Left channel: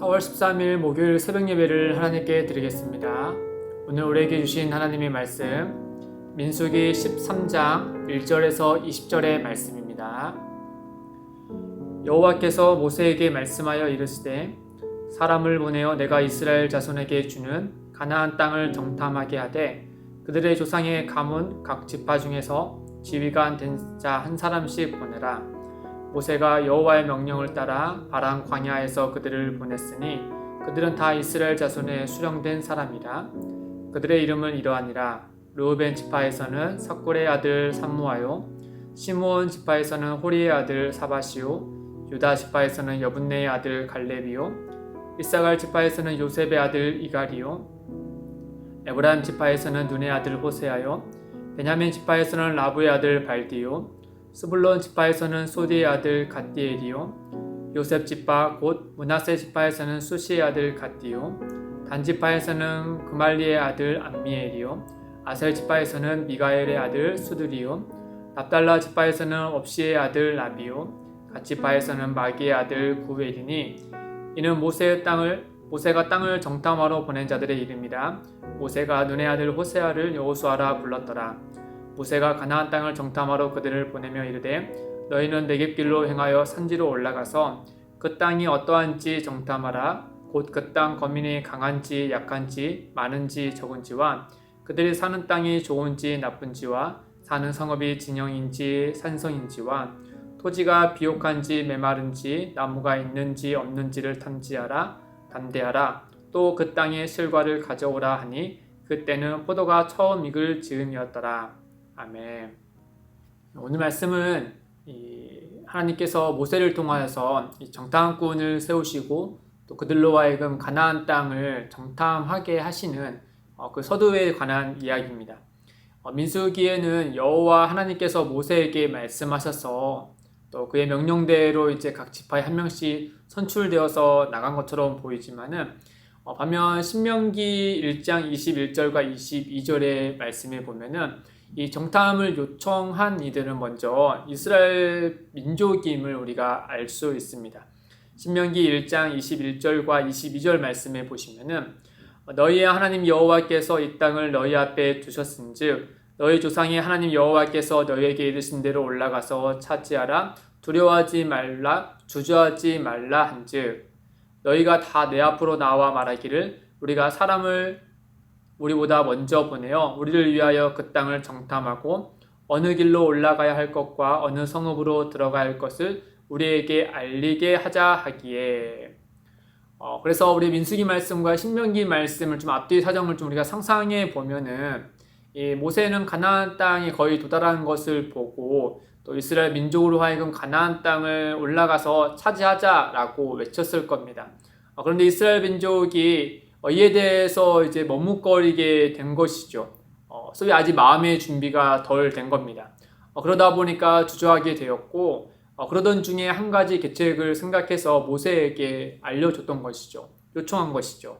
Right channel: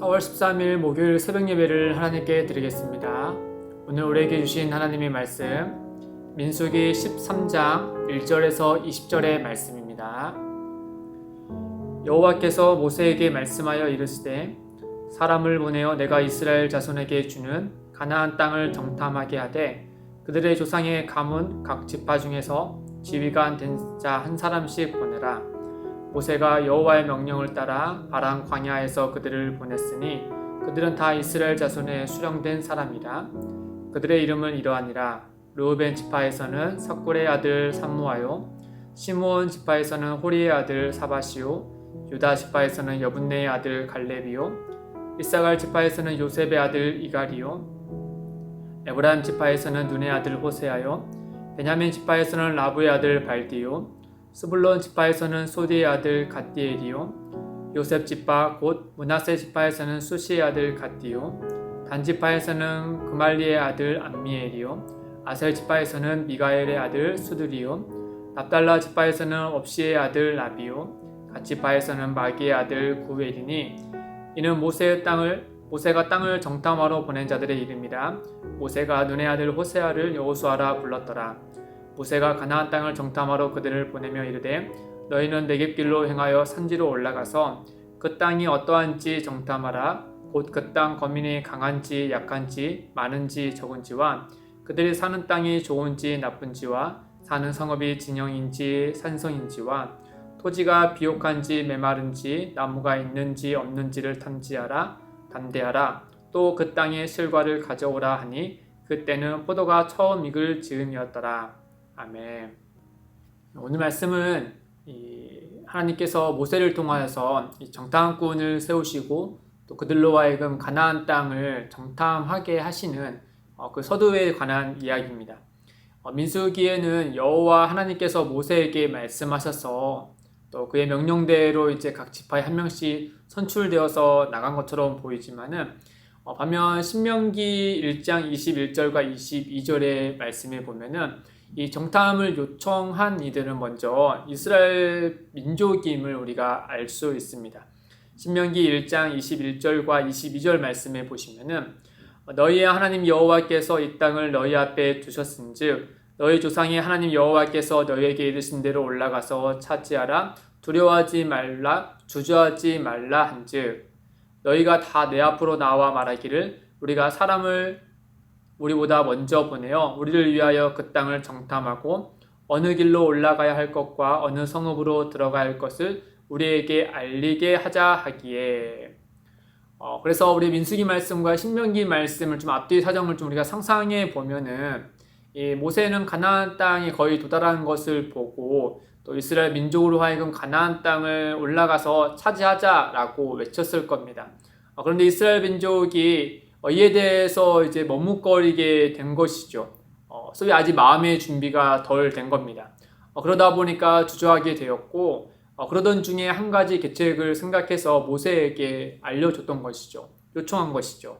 4월 13일 목요일 새벽 예배를 하나님께 드리겠습니다. 오늘 우리에게 주신 하나님의 말씀 민수기 13장 1절에서 20절의 말씀입니다. 여호와께서 모세에게 말씀하여 이르시되 사람을 보내어 내가 이스라엘 자손에게 주는 가나안 땅을 정탐하게 하되 그들의 조상의 가문 각 지파 중에서 지휘관 된 자 한 사람씩 보내라. 모세가 여호와의 명령을 따라 바란 광야에서 그들을 보냈으니 그들은 다 이스라엘 자손의 수령된 사람이라. 그들의 이름은 이러하니라. 르우벤 지파에서는 삭굴의 아들 삼무아요, 시므온 지파에서는 호리의 아들 사바시오, 유다 지파에서는 여분네의 아들 갈렙이요, 이사갈 지파에서는 요셉의 아들 이갈이요, 에브라임 지파에서는 눈의 아들 호세아요, 베냐민 지파에서는 라브의 아들 발디요, 스불론 지파에서는 소디의 아들 갓디엘이요, 요셉 지파 곧 므낫세 지파에서는 수시의 아들 갓디요, 단 지파에서는 그말리의 아들 암미엘이요, 아셀 지파에서는 미가엘의 아들 수두리요, 납달라 지파에서는 업시의 아들 라비요, 갓 지파에서는 마기의 아들 구엘이니 이는 모세가 땅을 정탐하러 보낸 자들의 이름이라. 모세가 눈의 아들 호세아를 여호수아라 불렀더라. 모세가 가나안 땅을 정탐하러 그들을 보내며 이르되 너희는 내겝길로 행하여 산지로 올라가서 그 땅이 어떠한지 정탐하라. 곧 그 땅 거민이 강한지 약한지 많은지 적은지와 그들이 사는 땅이 좋은지 나쁜지와 사는 성읍이 진영인지 산성인지와 토지가 비옥한지 메마른지 나무가 있는지 없는지를 탐지하라. 담대하라. 또 그 땅의 실과를 가져오라 하니 그때는 포도가 처음 익을 즈음이었더라. 아멘. 오늘 말씀은 하나님께서 모세를 통하여서 정탐꾼을 세우시고 또 그들로 하여금 가나안 땅을 정탐하게 하시는 그 서두에 관한 이야기입니다. 민수기에는 여호와 하나님께서 모세에게 말씀하셔서 또 그의 명령대로 이제 각 지파에 한 명씩 선출되어서 나간 것처럼 보이지만은 반면 신명기 1장 21절과 22절의 말씀에 보면은 이 정탐을 요청한 이들은 먼저 이스라엘 민족임을 우리가 알 수 있습니다. 신명기 1장 21절과 22절 말씀에 보시면은 너희의 하나님 여호와께서 이 땅을 너희 앞에 두셨은즉 너희 조상의 하나님 여호와께서 너희에게 이르신 대로 올라가서 차지하라. 두려워하지 말라 주저하지 말라 한즉 너희가 다 내 앞으로 나와 말하기를 우리가 사람을 우리보다 먼저 보내어 우리를 위하여 그 땅을 정탐하고 어느 길로 올라가야 할 것과 어느 성읍으로 들어가야 할 것을 우리에게 알리게 하자 하기에 그래서 우리 민수기 말씀과 신명기 말씀을 좀 앞뒤 사정을 좀 우리가 상상해 보면은 이 모세는 가나안 땅이 거의 도달한 것을 보고 또 이스라엘 민족으로 하여금 가나안 땅을 올라가서 차지하자라고 외쳤을 겁니다. 그런데 이스라엘 민족이 이에 대해서 이제 머뭇거리게 된 것이죠. 소위 아직 마음의 준비가 덜 된 겁니다. 그러다 보니까 주저하게 되었고 그러던 중에 한 가지 계책을 생각해서 모세에게 알려줬던 것이죠. 요청한 것이죠.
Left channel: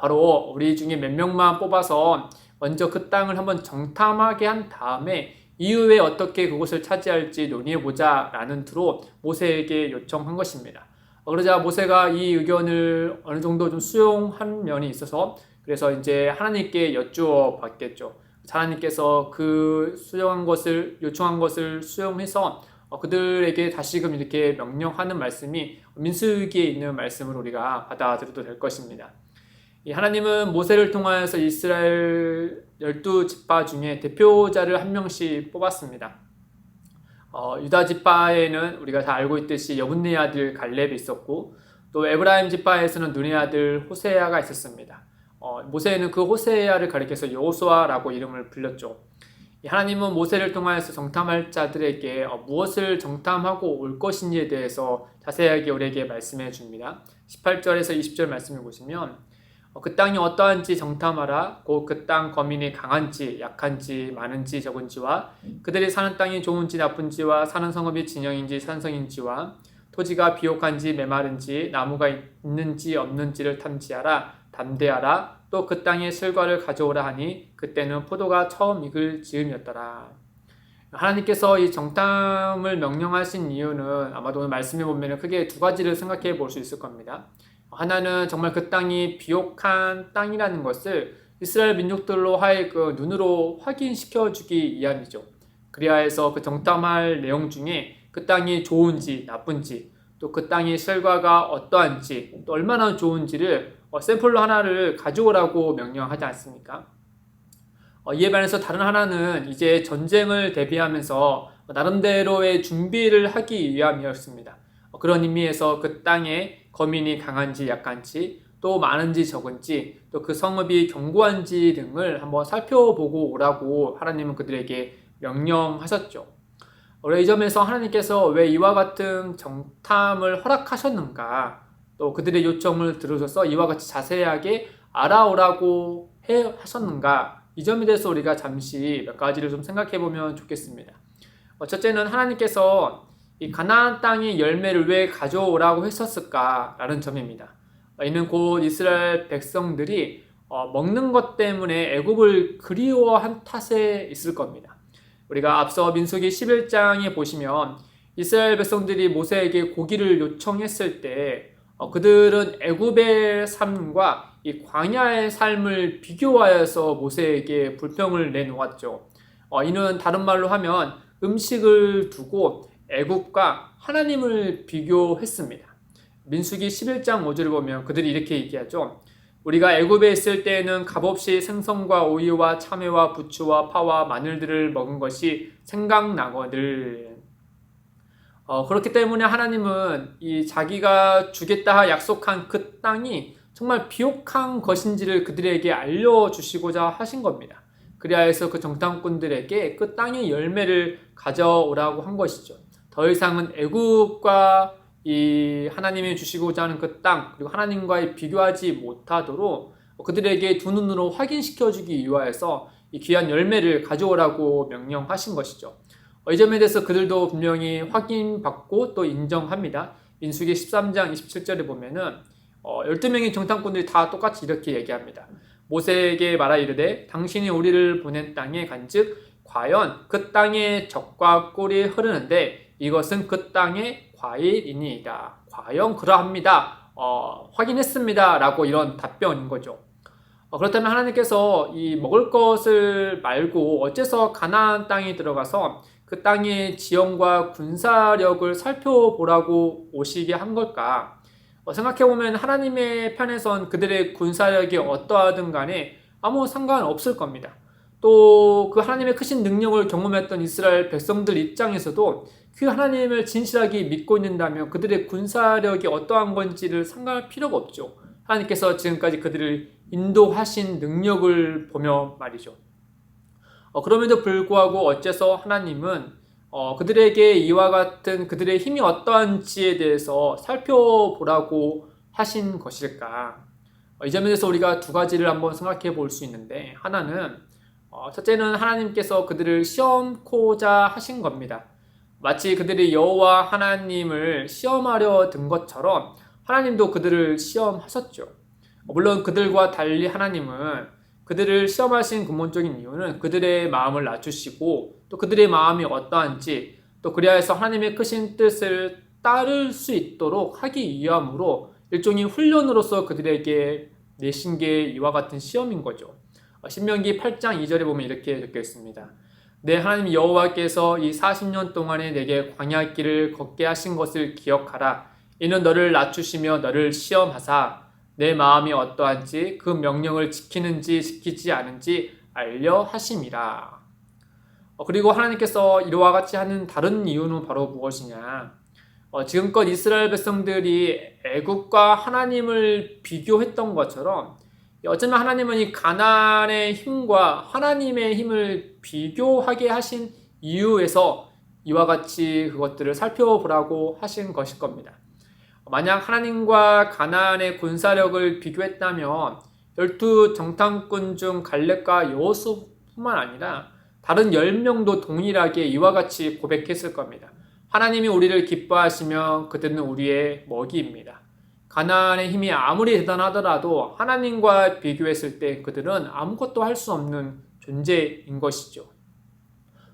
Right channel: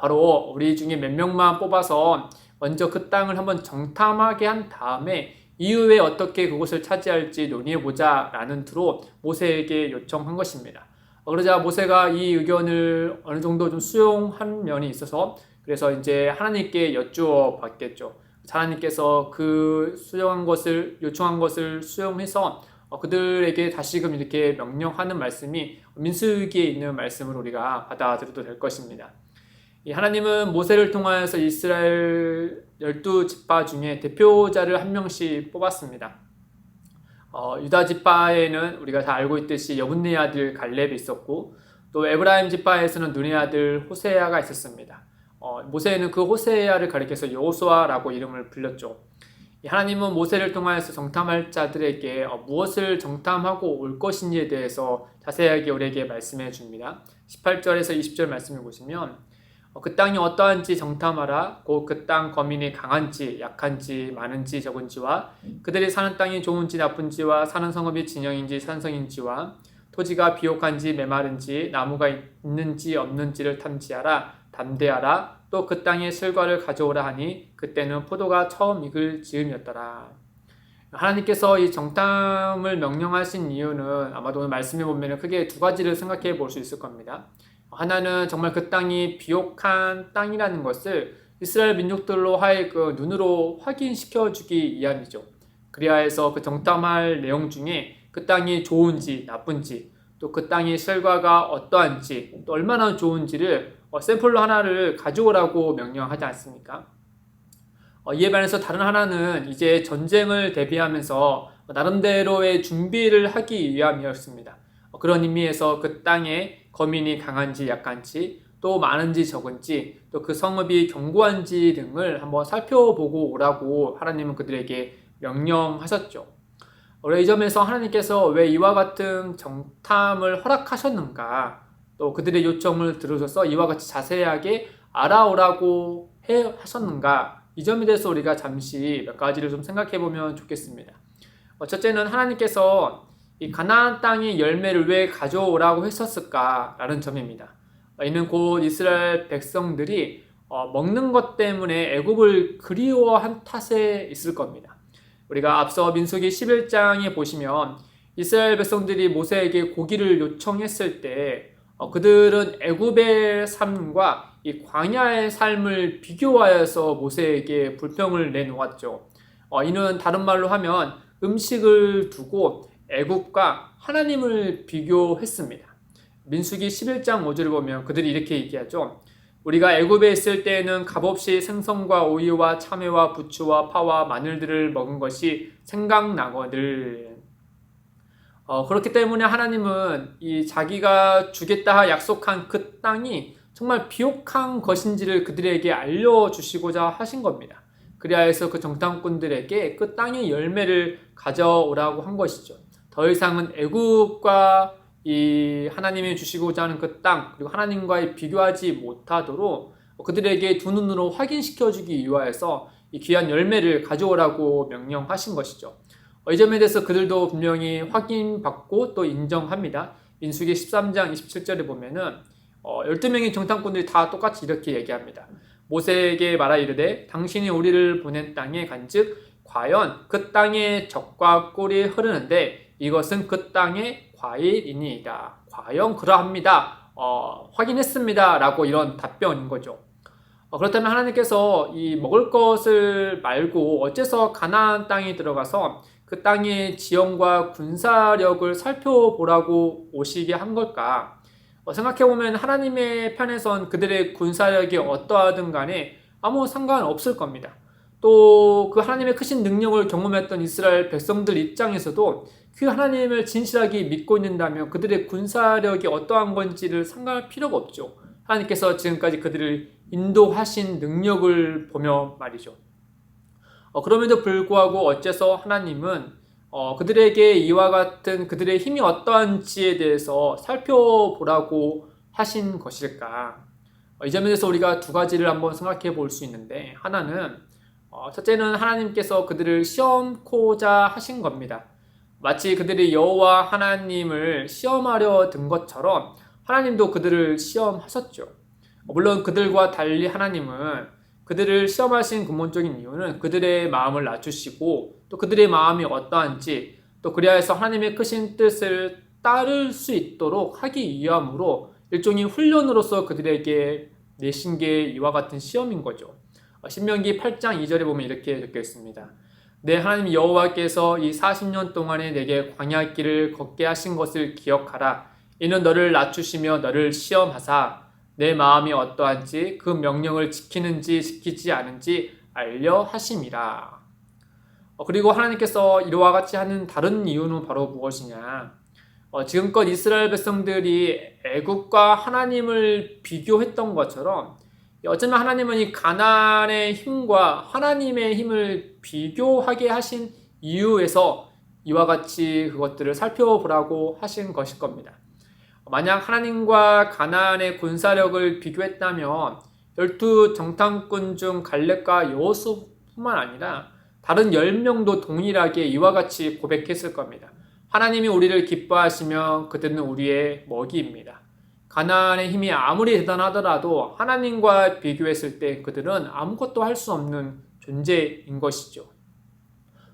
바로 우리 중에 몇 명만 뽑아서 먼저 그 땅을 한번 정탐하게 한 다음에 이후에 어떻게 그곳을 차지할지 논의해보자 라는 투로 모세에게 요청한 것입니다. 그러자 모세가 이 의견을 어느 정도 좀 수용한 면이 있어서 그래서 이제 하나님께 여쭈어 봤겠죠. 하나님께서 그 요청한 것을 수용해서 그들에게 다시금 이렇게 명령하는 말씀이 민수기에 있는 말씀을 우리가 받아들여도 될 것입니다. 하나님은 모세를 통하여서 이스라엘 12지파 중에 대표자를 한 명씩 뽑았습니다. 유다 지파에는 우리가 다 알고 있듯이 여분네의 아들 갈렙이 있었고 또 에브라임 지파에서는 눈의 아들 호세아가 있었습니다. 모세는 그 호세아를 가리켜서 여호수아라고 이름을 불렸죠. 하나님은 모세를 통하여서 정탐할 자들에게 무엇을 정탐하고 올 것인지에 대해서 자세하게 우리에게 말씀해 줍니다. 18절에서 20절 말씀을 보시면 그 땅이 어떠한지 정탐하라. 곧 그 땅 거민이 강한지 약한지 많은지 적은지와 그들이 사는 땅이 좋은지 나쁜지와 사는 성읍이 진영인지 산성인지와 토지가 비옥한지 메마른지 나무가 있는지 없는지를 탐지하라. 담대하라. 또 그 땅의 실과를 가져오라 하니 그때는 포도가 처음 익을 즈음이었더라. 하나님께서 이 정탐을 명령하신 이유는 아마도 오늘 말씀해 보면 크게 두 가지를 생각해 볼 수 있을 겁니다. 하나는 정말 그 땅이 비옥한 땅이라는 것을 이스라엘 민족들로 하여금 눈으로 확인시켜 주기 위함이죠. 그리하 해서 그 정탐할 내용 중에 그 땅이 좋은지 나쁜지, 또 그 땅의 실과가 어떠한지, 또 얼마나 좋은지를 샘플로 하나를 가져오라고 명령하지 않습니까? 이에 반해서 다른 하나는 이제 전쟁을 대비하면서 나름대로의 준비를 하기 위함이었습니다. 그런 의미에서 그 땅에 거민이 강한지 약한지, 또 많은지 적은지, 또 그 성읍이 견고한지 등을 한번 살펴보고 오라고 하나님은 그들에게 명령하셨죠. 우리 이 점에서 하나님께서 왜 이와 같은 정탐을 허락하셨는가, 또 그들의 요청을 들으셔서 이와 같이 자세하게 알아오라고 하셨는가, 이 점에 대해서 우리가 잠시 몇 가지를 좀 생각해 보면 좋겠습니다. 첫째는 하나님께서 이 가나안 땅의 열매를 왜 가져오라고 했었을까라는 점입니다. 이는 곧 이스라엘 백성들이 먹는 것 때문에 애굽을 그리워한 탓에 있을 겁니다. 우리가 앞서 민수기 11장에 보시면 이스라엘 백성들이 모세에게 고기를 요청했을 때 그들은 애굽의 삶과 이 광야의 삶을 비교하여서 모세에게 불평을 내놓았죠. 이는 다른 말로 하면 음식을 두고 애굽과 하나님을 비교했습니다. 민수기 11장 5절을 보면 그들이 이렇게 얘기하죠. 우리가 애굽에 있을 때에는 값없이 생선과 오이와 참외와 부추와 파와 마늘들을 먹은 것이 생각나거늘. 그렇기 때문에 하나님은 이 자기가 주겠다 약속한 그 땅이 정말 비옥한 것인지를 그들에게 알려주시고자 하신 겁니다. 그리하여서 그 정탐꾼들에게 그 땅의 열매를 가져오라고 한 것이죠. 더 이상은 애굽과 이 하나님이 주시고자 하는 그 땅, 그리고 하나님과의 비교하지 못하도록 그들에게 두 눈으로 확인시켜 주기 위하여서 이 귀한 열매를 가져오라고 명령하신 것이죠. 이 점에 대해서 그들도 분명히 확인받고 또 인정합니다. 민수기 13장 27절에 보면은 12명의 정탐꾼들이 다 똑같이 이렇게 얘기합니다. 모세에게 말하 이르되 당신이 우리를 보낸 땅에 간즉 과연 그 땅에 젖과 꿀이 흐르는데 이것은 그 땅의 과일이니이다. 과연 그러합니다. 확인했습니다. 라고 이런 답변인 거죠. 그렇다면 하나님께서 이 먹을 것을 말고 어째서 가나안 땅에 들어가서 그 땅의 지형과 군사력을 살펴보라고 오시게 한 걸까? 생각해보면 하나님의 편에선 그들의 군사력이 어떠하든 간에 아무 상관없을 겁니다. 또 그 하나님의 크신 능력을 경험했던 이스라엘 백성들 입장에서도 그 하나님을 진실하게 믿고 있는다면 그들의 군사력이 어떠한 건지를 상관할 필요가 없죠. 하나님께서 지금까지 그들을 인도하신 능력을 보며 말이죠. 그럼에도 불구하고 어째서 하나님은 그들에게 이와 같은 그들의 힘이 어떠한지에 대해서 살펴보라고 하신 것일까? 이 점에 대해서 우리가 두 가지를 한번 생각해 볼 수 있는데, 하나는 첫째는 하나님께서 그들을 시험코자 하신 겁니다. 마치 그들이 여호와 하나님을 시험하려 든 것처럼 하나님도 그들을 시험하셨죠. 물론 그들과 달리 하나님은 그들을 시험하신 근본적인 이유는 그들의 마음을 낮추시고 또 그들의 마음이 어떠한지 또 그리하여서 하나님의 크신 뜻을 따를 수 있도록 하기 위함으로 일종의 훈련으로서 그들에게 내신 게 이와 같은 시험인 거죠. 신명기 8장 2절에 보면 이렇게 적혀 있습니다. 내 하나님 여호와께서 이 40년 동안에 내게 광야길을 걷게 하신 것을 기억하라. 이는 너를 낮추시며 너를 시험하사 내 마음이 어떠한지 그 명령을 지키는지 지키지 않은지 알려 하심이라. 그리고 하나님께서 이와 같이 하는 다른 이유는 바로 무엇이냐? 지금껏 이스라엘 백성들이 애굽과 하나님을 비교했던 것처럼 어쩌면 하나님은 이 가나안의 힘과 하나님의 힘을 비교하게 하신 이유에서 이와 같이 그것들을 살펴보라고 하신 것일 겁니다. 만약 하나님과 가나안의 군사력을 비교했다면 12 정탐꾼 중 갈렙과 여호수아뿐만 아니라 다른 10명도 동일하게 이와 같이 고백했을 겁니다. 하나님이 우리를 기뻐하시며 그들은 우리의 먹이입니다. 가나안의 힘이 아무리 대단하더라도 하나님과 비교했을 때 그들은 아무것도 할 수 없는 존재인 것이죠.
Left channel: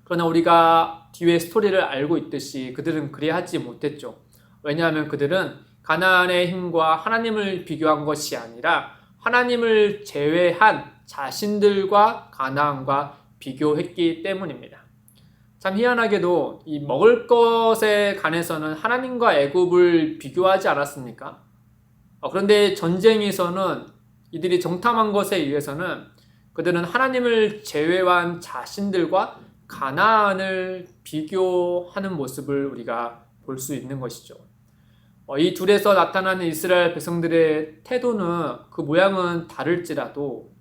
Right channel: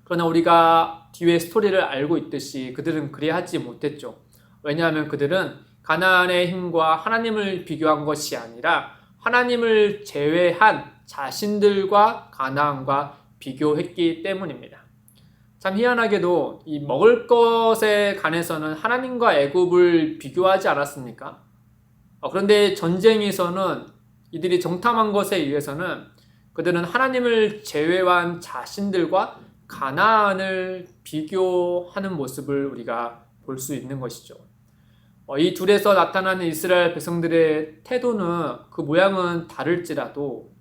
그러나 우리가 뒤에 스토리를 알고 있듯이 그들은 그리하지 못했죠. 왜냐하면 그들은 가나안의 힘과 하나님을 비교한 것이 아니라 하나님을 제외한 자신들과 가나안과 비교했기 때문입니다. 참 희한하게도 이 먹을 것에 관해서는 하나님과 애굽을 비교하지 않았습니까? 그런데 전쟁에서는 이들이 정탐한 것에 의해서는 그들은 하나님을 제외한 자신들과 가나안을 비교하는 모습을 우리가 볼 수 있는 것이죠. 이 둘에서 나타나는 이스라엘 백성들의 태도는 그 모양은 다를지라도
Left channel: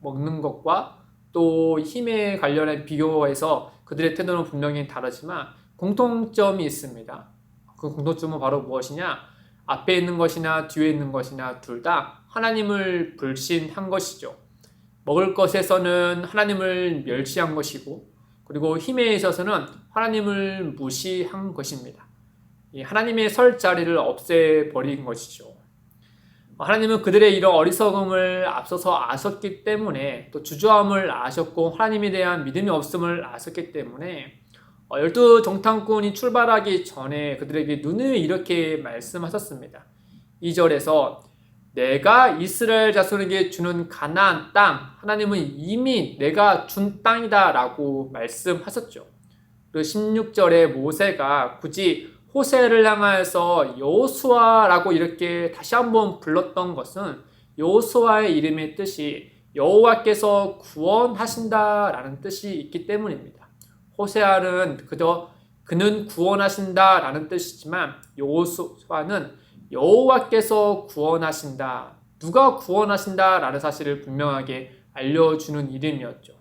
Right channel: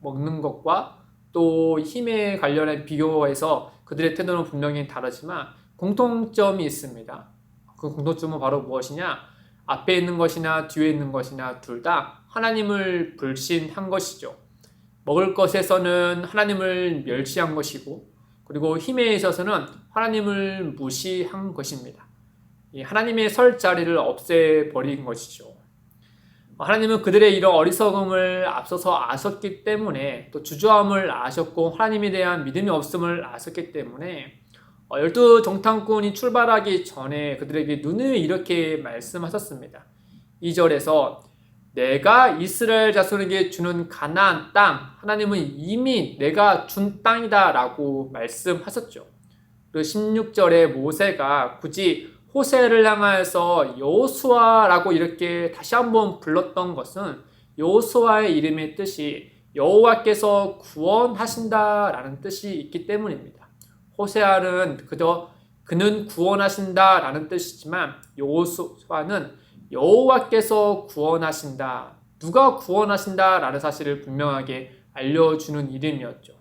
먹는 것과 또 힘에 관련한 비교해서 그들의 태도는 분명히 다르지만 공통점이 있습니다. 그 공통점은 바로 무엇이냐? 앞에 있는 것이나 뒤에 있는 것이나 둘 다 하나님을 불신한 것이죠. 먹을 것에서는 하나님을 멸시한 것이고, 그리고 힘에 있어서는 하나님을 무시한 것입니다. 하나님의 설 자리를 없애버린 것이죠. 하나님은 그들의 이런 어리석음을 앞서서 아셨기 때문에, 또 주저함을 아셨고 하나님에 대한 믿음이 없음을 아셨기 때문에 12 정탐꾼이 출발하기 전에 그들에게 눈을 이렇게 말씀하셨습니다. 2절에서 내가 이스라엘 자손에게 주는 가나안 땅, 하나님은 이미 내가 준 땅이다 라고 말씀하셨죠. 그리고 16절에 모세가 굳이 호세를 향하여서 여호수아라고 이렇게 다시 한번 불렀던 것은 여호수아의 이름의 뜻이 여호와께서 구원하신다라는 뜻이 있기 때문입니다. 호세아는 그저 그는 구원하신다라는 뜻이지만 여호수아는 여호와께서 구원하신다, 누가 구원하신다라는 사실을 분명하게 알려주는 이름이었죠.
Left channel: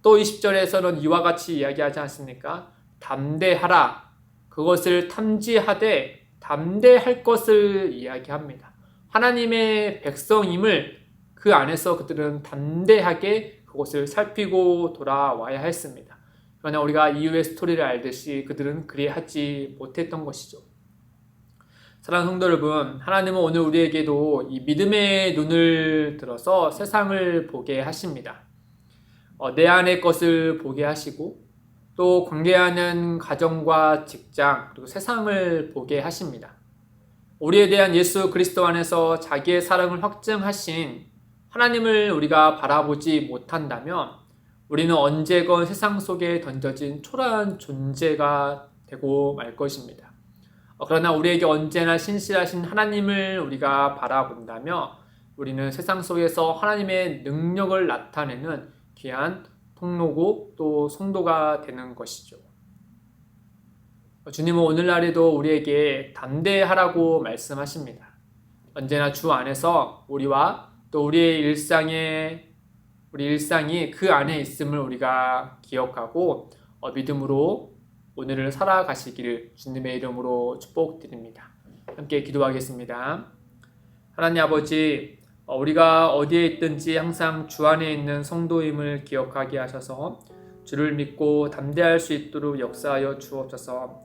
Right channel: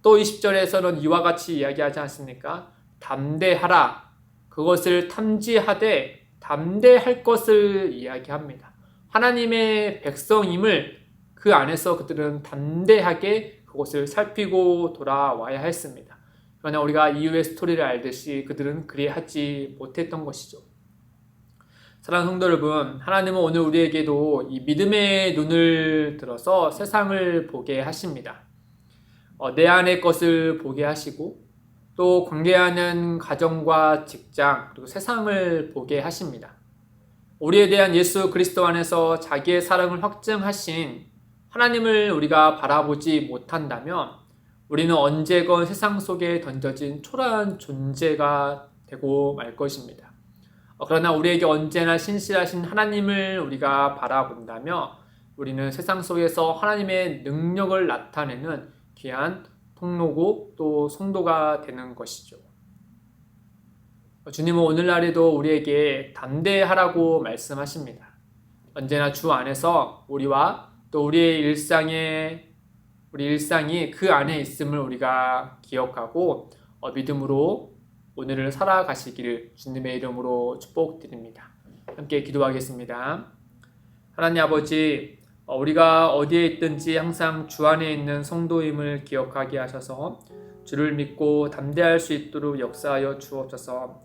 또 20절에서는 이와 같이 이야기하지 않습니까? 담대하라, 그것을 탐지하되 담대할 것을 이야기합니다. 하나님의 백성임을 그 안에서 그들은 담대하게 그것을 살피고 돌아와야 했습니다. 그러나 우리가 이후의 스토리를 알듯이 그들은 그리하지 못했던 것이죠. 사랑하는 성도 여러분, 하나님은 오늘 우리에게도 이 믿음의 눈을 들어서 세상을 보게 하십니다. 내 안의 것을 보게 하시고 또 관계하는 가정과 직장 그리고 세상을 보게 하십니다. 우리에 대한 예수 그리스도 안에서 자기의 사랑을 확증하신 하나님을 우리가 바라보지 못한다면 우리는 언제건 세상 속에 던져진 초라한 존재가 되고 말 것입니다. 그러나 우리에게 언제나 신실하신 하나님을 우리가 바라본다면 우리는 세상 속에서 하나님의 능력을 나타내는 귀한 통로고 또 성도가 되는 것이죠. 주님은 오늘날에도 우리에게 담대하라고 말씀하십니다. 언제나 주 안에서 우리와 또 우리의 우리 일상이 그 안에 있음을 우리가 기억하고 믿음으로 오늘을 살아가시기를 주님의 이름으로 축복드립니다. 함께 기도하겠습니다. 하나님 아버지, 우리가 어디에 있든지 항상 주 안에 있는 성도임을 기억하게 하셔서 주를 믿고 담대할 수 있도록 역사하여 주옵소서.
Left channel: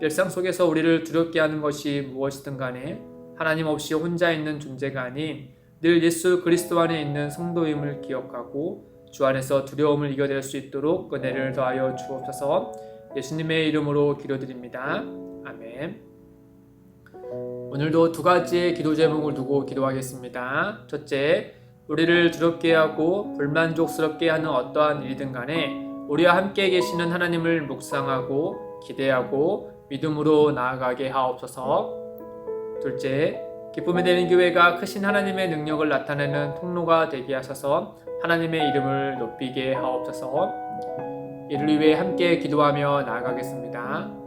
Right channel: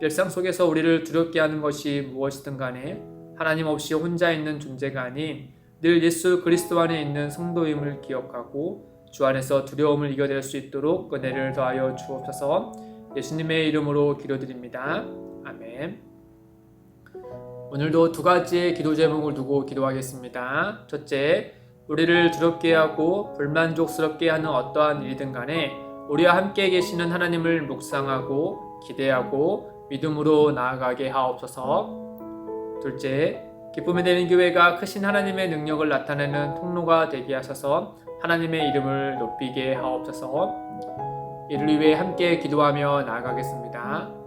일상 속에서 우리를 두렵게 하는 것이 무엇이든 간에 하나님 없이 혼자 있는 존재가 아닌 늘 예수 그리스도 안에 있는 성도임을 기억하고 주 안에서 두려움을 이겨낼 수 있도록 은혜를 더하여 주옵소서. 예수님의 이름으로 기도드립니다. 아멘. 오늘도 두 가지의 기도 제목을 두고 기도하겠습니다. 첫째, 우리를 두렵게 하고 불만족스럽게 하는 어떠한 일이든 간에 우리와 함께 계시는 하나님을 묵상하고 기대하고 믿음으로 나아가게 하옵소서. 둘째, 기쁨이 되는 교회가 크신 하나님의 능력을 나타내는 통로가 되게 하셔서 하나님의 이름을 높이게 하옵소서. 이를 위해 함께 기도하며 나아가겠습니다.